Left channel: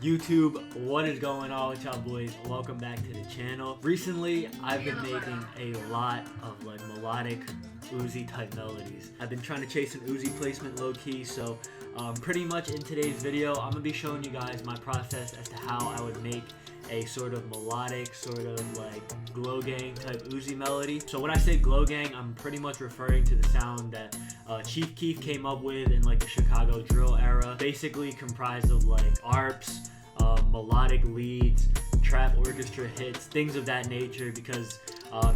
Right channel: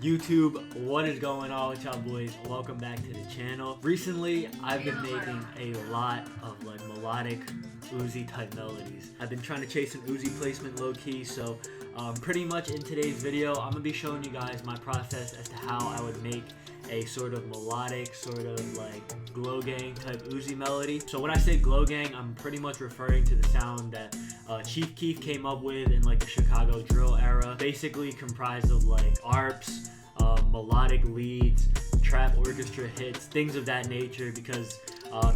YouTube, what is going on with y'all boys? Welcome back to the channel. Recently, I've been making a lot of like melodic Uzi type melodies. I've been trying to chase an Uzi placement low key, so pretty much in today's video, I'm gonna be showing you guys my process as to how I would make a sort of melodic, sort of like Glo Gang type Uzi melody. So when I say Glo Gang, I'm pretty much referring to the sound that Chief Keef came up with in like the Chicago drill era, basically comprised of like arps, melodic leads, trap orchestra hits, things of that nature. Because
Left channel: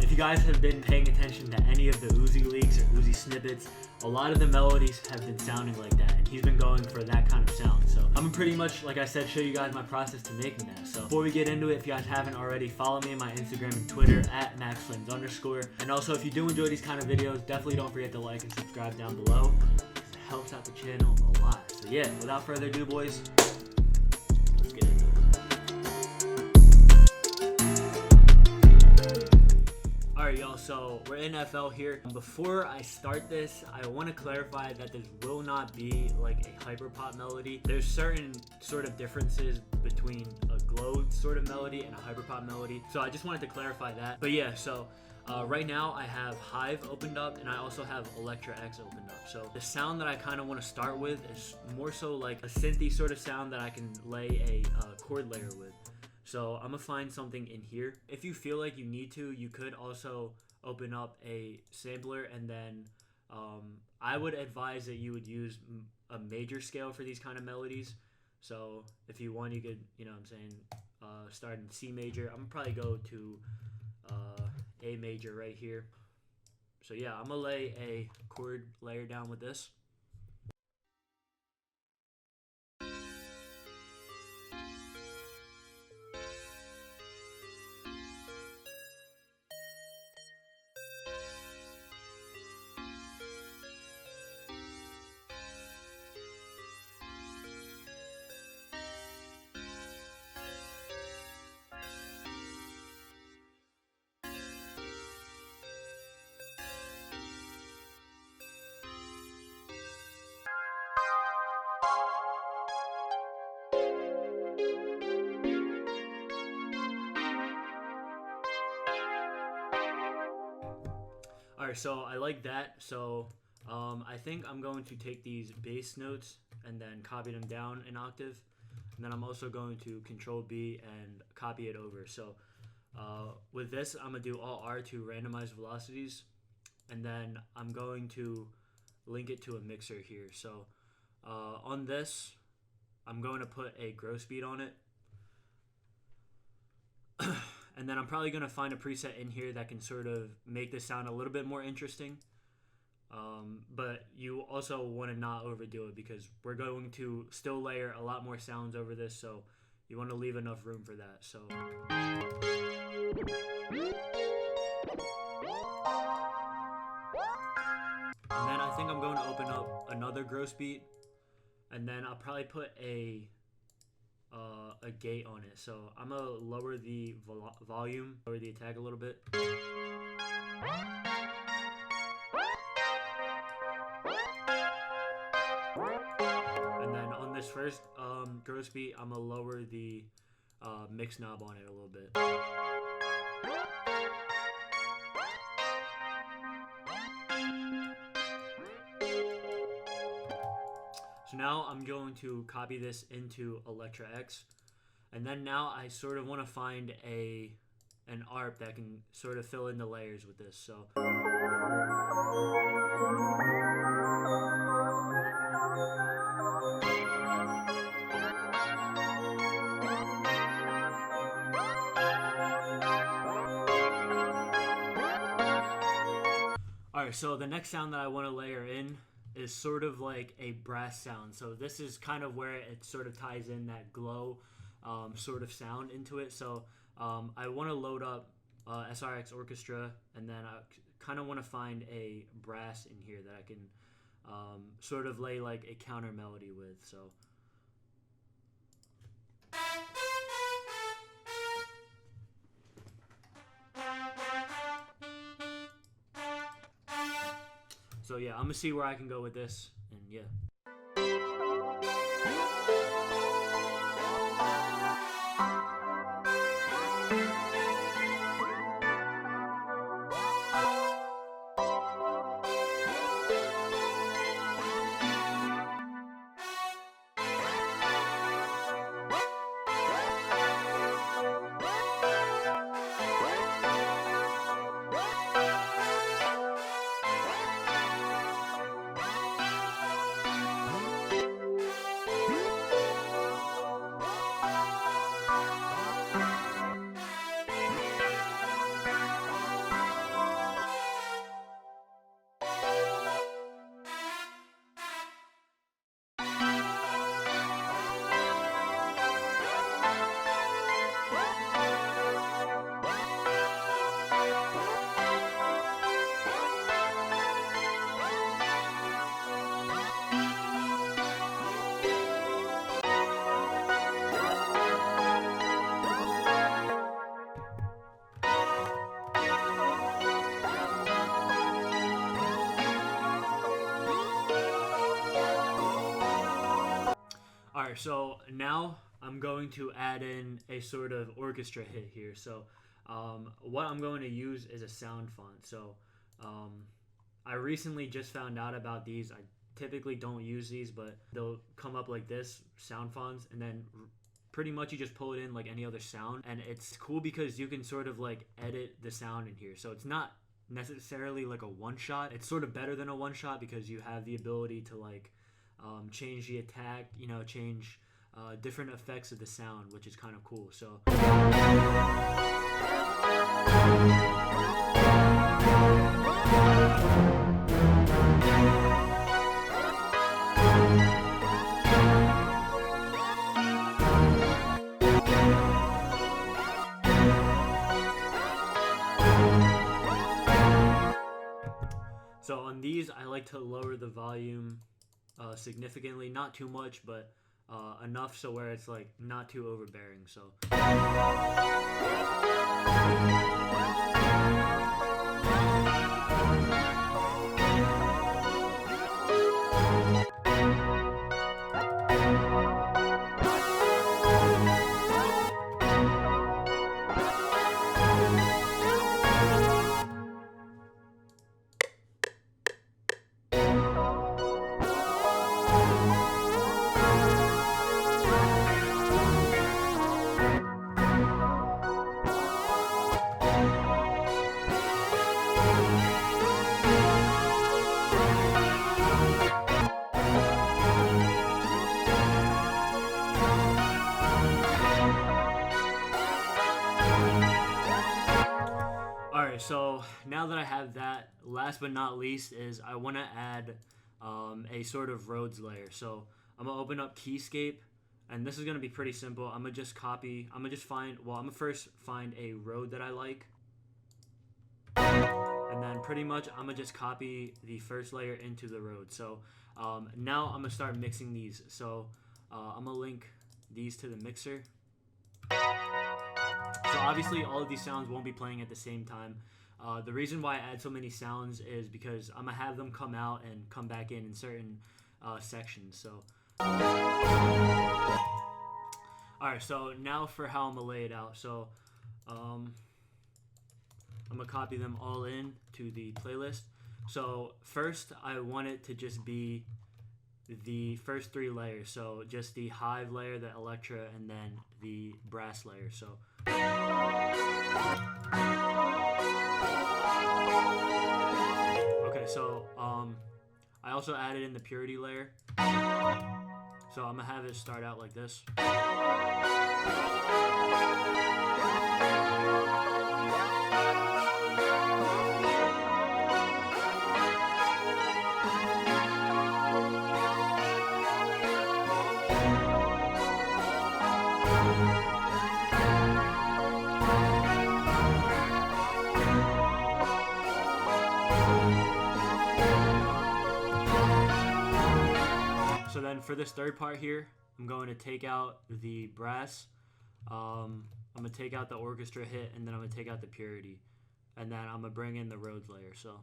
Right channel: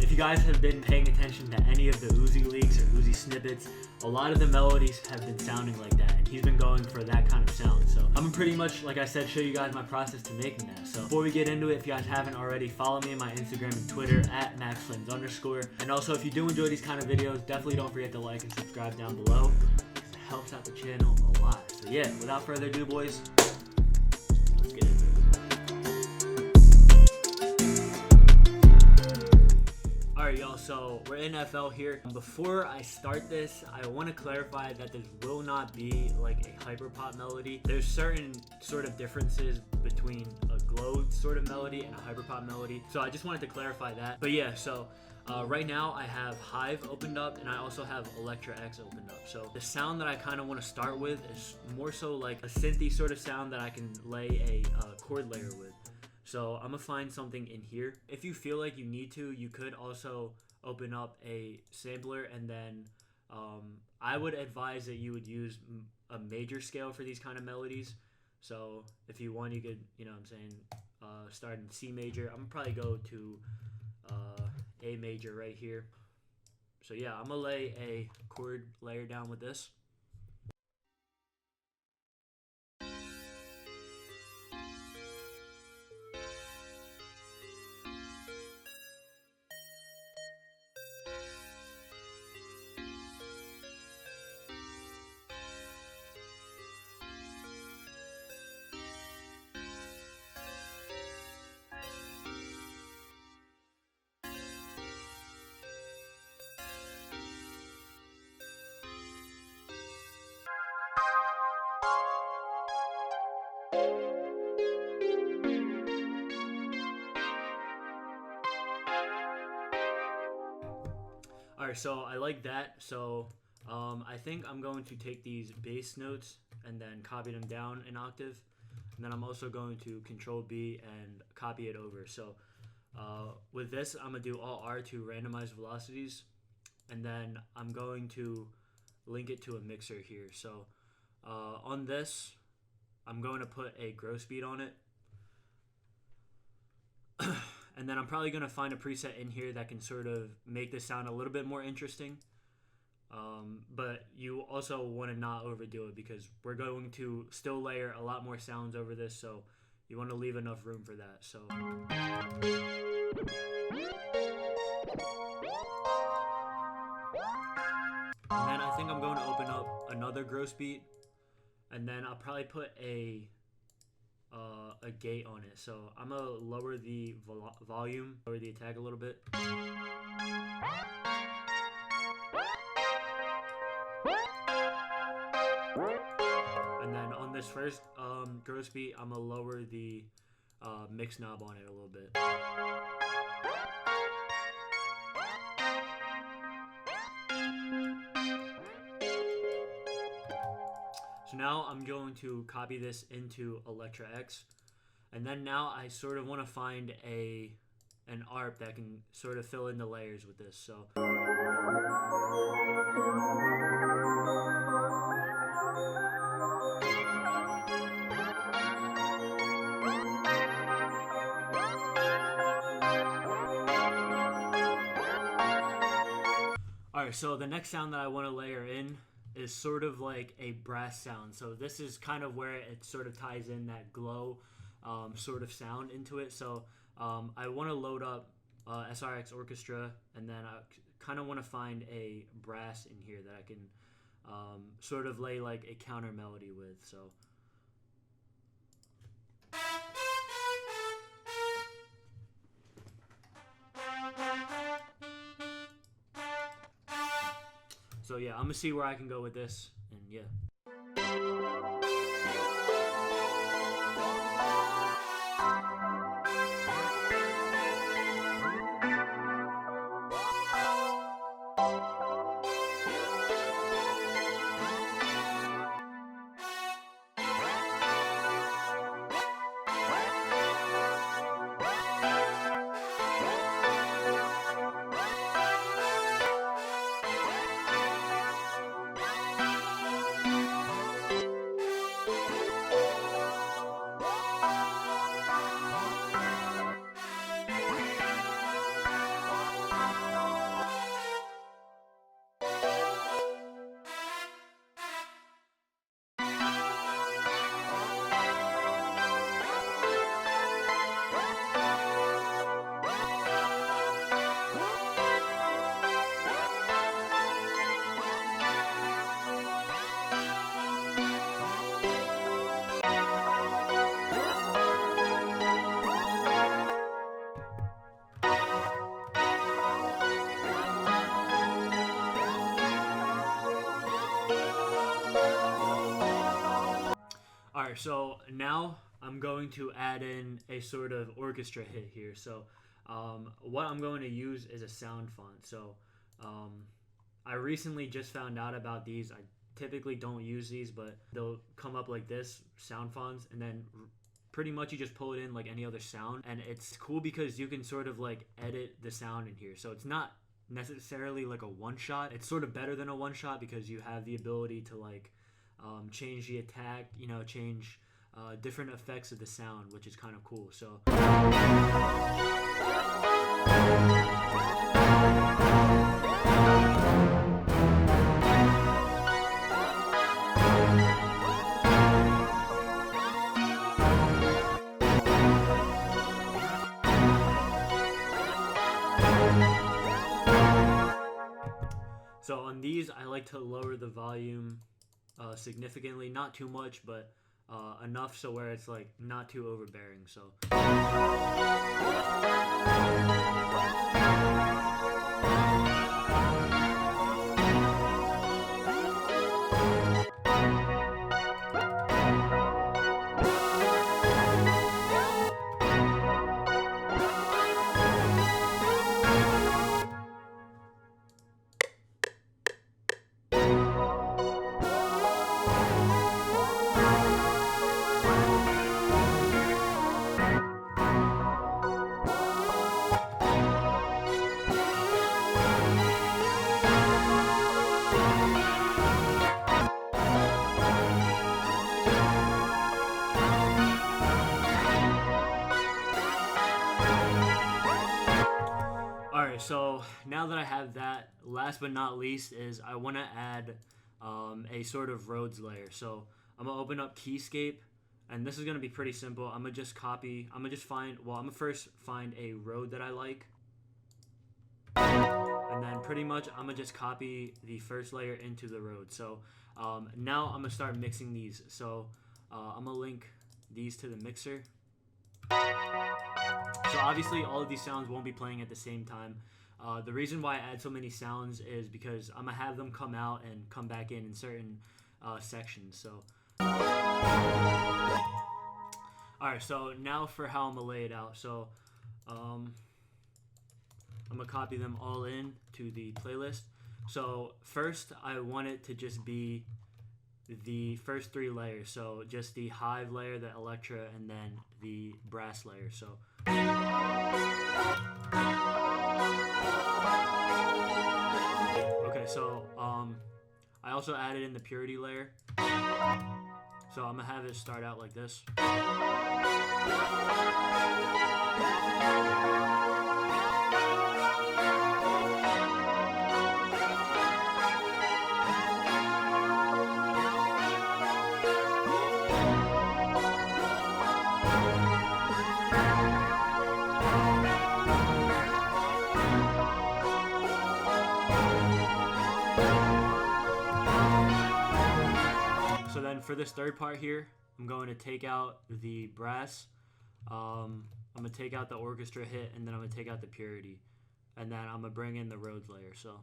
if you guys have been paying attention to any of the Uzi leaks or Uzi snippets, a lot of the melodies have been sounding like that, and he's been going for that kind of sound. So I'm gonna pretty much, like I said, show you guys my process to making that. So before we get into it, if you guys haven't already, follow me on my Instagram and Twitter at @maxflames_. And also, if you do enjoy these kind of videos, definitely don't forget to like and subscribe down below, because it helps out the channel a lot. So yeah, without further ado, boys, let's get into it. Alright y'all, so we're in FL here. Before I start this, I want to clarify that this will not be like a hyperpop melody. There's certain sort of differences between a Glo sort of melody and a hyperpop melody, so I just wanted to clarify that. But yeah, so right now I have Hive opened up, and I also have Electra X opened up. So the sound that I kind of want to start with is more so like a synthy sort of sound that I can lay a chord layer with. So I'm gonna find something in here. If you feel like you need to, you could also open up a sampler, and then I would advise that you would use a major scale for these kind of melodies. So if you want, you could, you know what I'm saying, start in C major. I'm gonna probably go to A major right here. So yeah, I'm gonna lay a chord layer down with this. Alright, so I like that. So I think I'm going to take these bass notes and then copy them down an octave, and then I'm also going to Control B and copy it over. So with this, I'm going to do Alt R to randomize velocities, and then I'm going to link it to a mixer here. So on this, I'm going to put a gross beat on it. And then I'm probably going to find a preset in here that can sort of make this sound a little bit more interesting. But you also want to not overdo it, because we're going to still layer a lot more sounds over this, so you want to leave enough room for that. So and then I think I'm going to open up another gross beat, and then I'll probably put a gate on it. So I'm gonna lower the volume, lower the attack a little bit. And then on this first gross beat, I'm gonna lower the mix knob on it a little bit. So now I'm going to copy this into Electra X, and then now I sort of want to find an ARP that can sort of fill in the layers with this. So alright, so the next sound that I want to layer in is sort of like a brass sound. So this is kind of where it sort of ties in that Glo sort of sound into it. So I want to load up SRX orchestra, and then I kind of want to find a brass in here that I can sort of lay like a counter melody with. So yeah, I'm gonna see where I can go with this, and yeah. Alright, so now I'm going to add in a sort of orchestra hit here. So what I'm going to use is a sound font. So I recently just found out about these. I typically don't use these, but they'll come up like this, sound fonts, and then pretty much you just pull it in like any other sound. And it's cool because you can sort of like edit the sound in here. So it's not necessarily like a one shot. It's sort of better than a one shot because you have the ability to like change the attack, change different effects of the sound, which is kind of cool. So on these, I like to lower the volume significantly, not too much, but enough so where it's like not too overbearing. So Alright, so now that I have that, last but not least is I want to add a sort of Rhodes layer. So I'm going to open up Keyscape, and this is going to be pretty simple. I'm going to just find a Rhode that I like. And then pretty much I'm going to just copy the first layer into the Rhode. So now I'm going to start mixing these. So I'm going to link these to the mixer. So obviously all of these sounds won't be playing at the same time. The reason why I add so many sounds is because I'm going to have them come out and come back in certain sections. So alright, so now for how I'm going to lay it out. So I'm going to copy them all in to the playlist. So first I want it to just be the first three layers. So just the Hive layer, the Electra, and then the brass layer. So okay, so I also added in the Purity layer. So I'm gonna have it start out like this. So then for this third part here, I'm going to take out the brass, I'm going to take out the orchestra hit, and then I'm going to take out the Purity. And then I'm going to bring in the Rhodes layer. So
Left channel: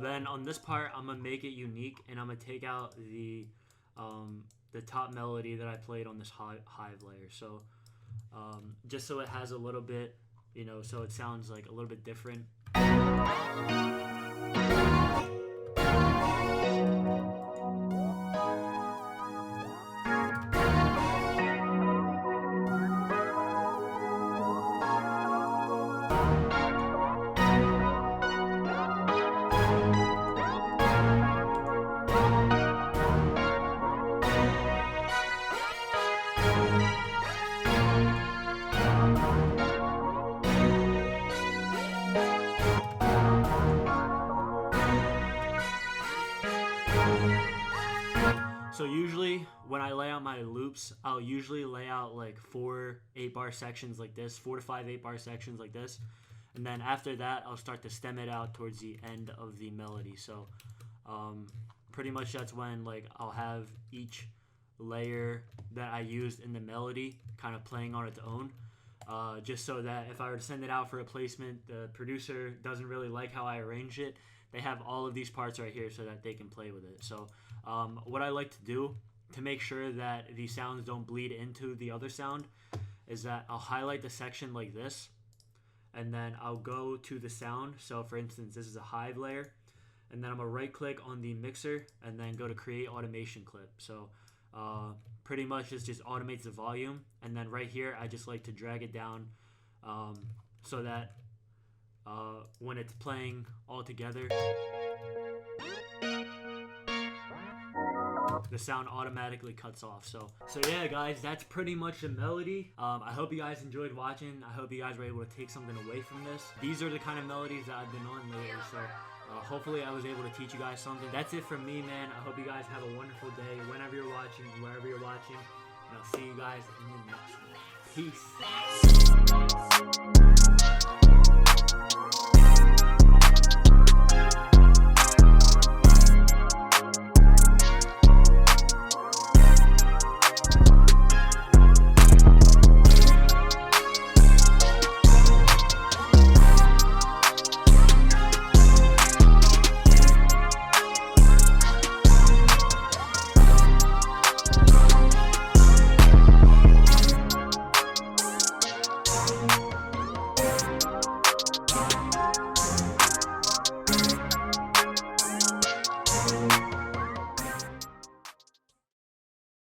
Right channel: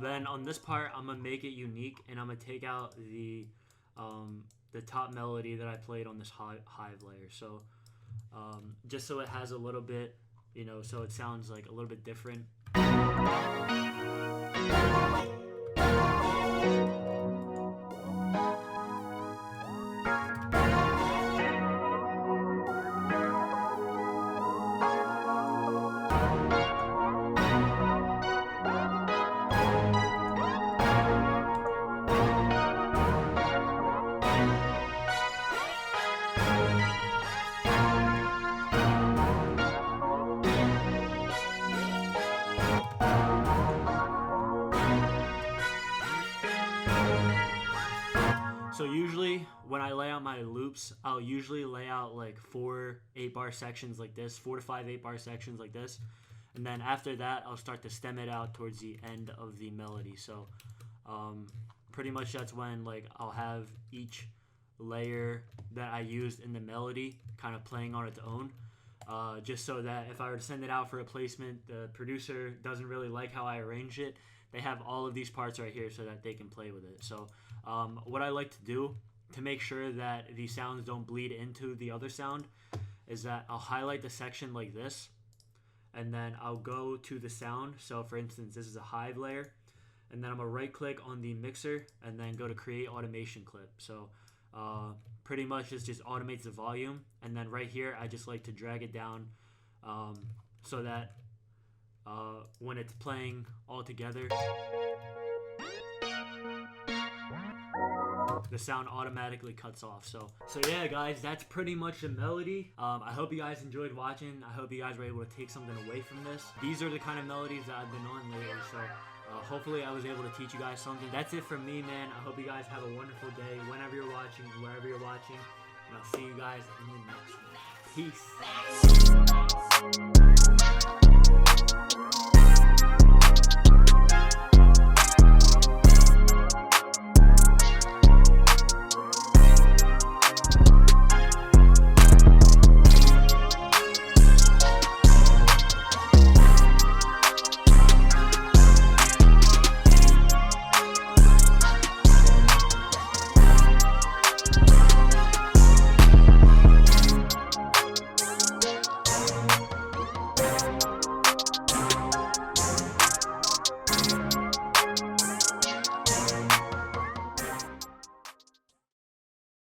then on this part, I'm gonna make it unique, and I'm gonna take out the top melody that I played on this Hive layer. So just so it has a little bit, so it sounds like a little bit different. So usually when I lay out my loops, I'll usually lay out like 4 8-bar sections like this, 4 to 5 8-bar sections like this. And then after that, I'll start to stem it out towards the end of the melody. So pretty much that's when like I'll have each layer that I used in the melody kind of playing on its own. Just so that if I were to send it out for a placement, the producer doesn't really like how I arrange it, they have all of these parts right here so that they can play with it. So what I like to do to make sure that the sounds don't bleed into the other sound is that I'll highlight the section like this, and then I'll go to the sound. So for instance, this is a hive layer, and then I'm gonna right click on the mixer and then go to create automation clip. So pretty much this just automates the volume, and then right here I just like to drag it down so that when it's playing all together, the sound automatically cuts off. So yeah guys, that's pretty much the melody. I hope you guys enjoyed watching. I hope you guys were able to take something away from this. These are the kind of melodies that I've been on lately, so hopefully I was able to teach you guys something. That's it from me, man. I hope you guys have a wonderful day whenever you're watching, wherever you're watching, and I'll see you guys in the next one. Peace.